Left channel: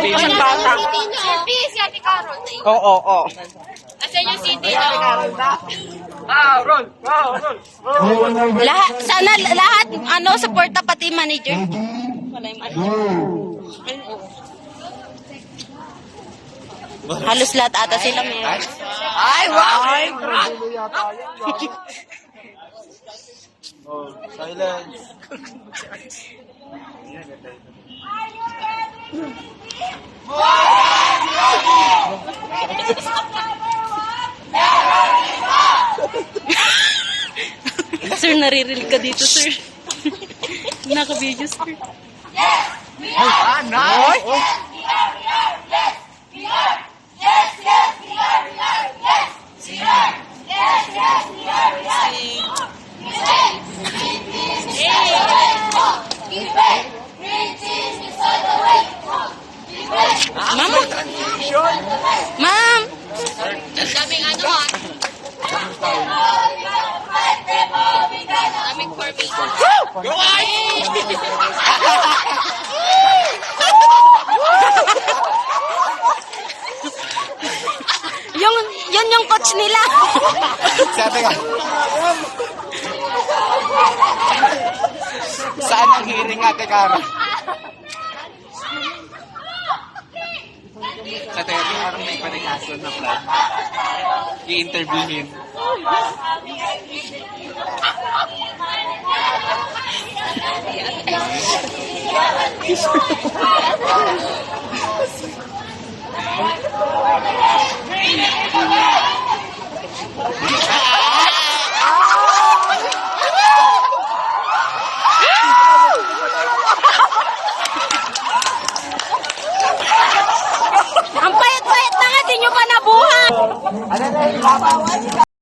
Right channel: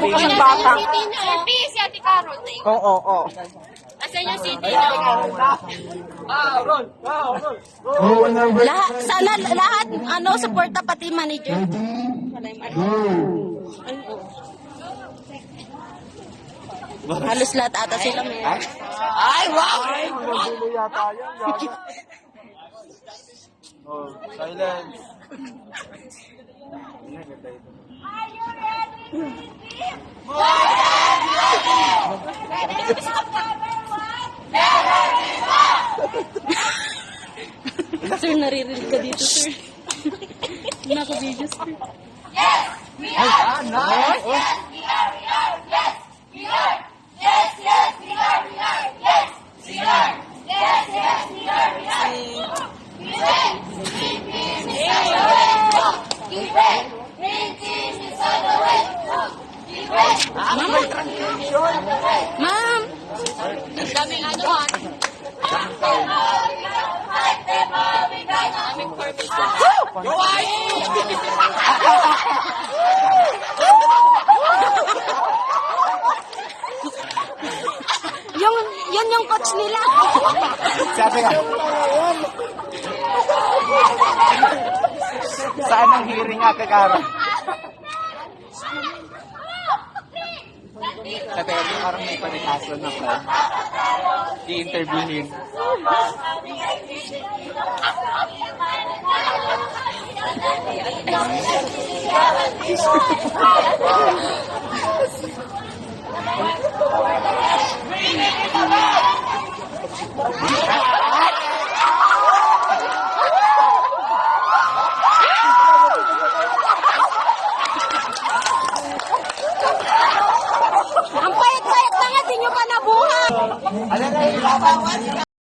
Isang bata. Oo, oo. Asan yung city na? Lahat, sana lahat, ano, suporta pati manager. Halos lahat ata sila meron. Ay, wow! Ay, brad! Silence. Sir, naririnig ka dito, sir. Naka-video, sir. Ma'am? Ma'am? Ang daming ano ah. Daming formation. Yun yung coach nila. Sabi ka. Saan ang hearing, Ate Cara? Ate Cara, parang may panikasyon na plan. I-interviewin. Ang payat-payat na nga, di nyo pa nabuhat. Ano na yung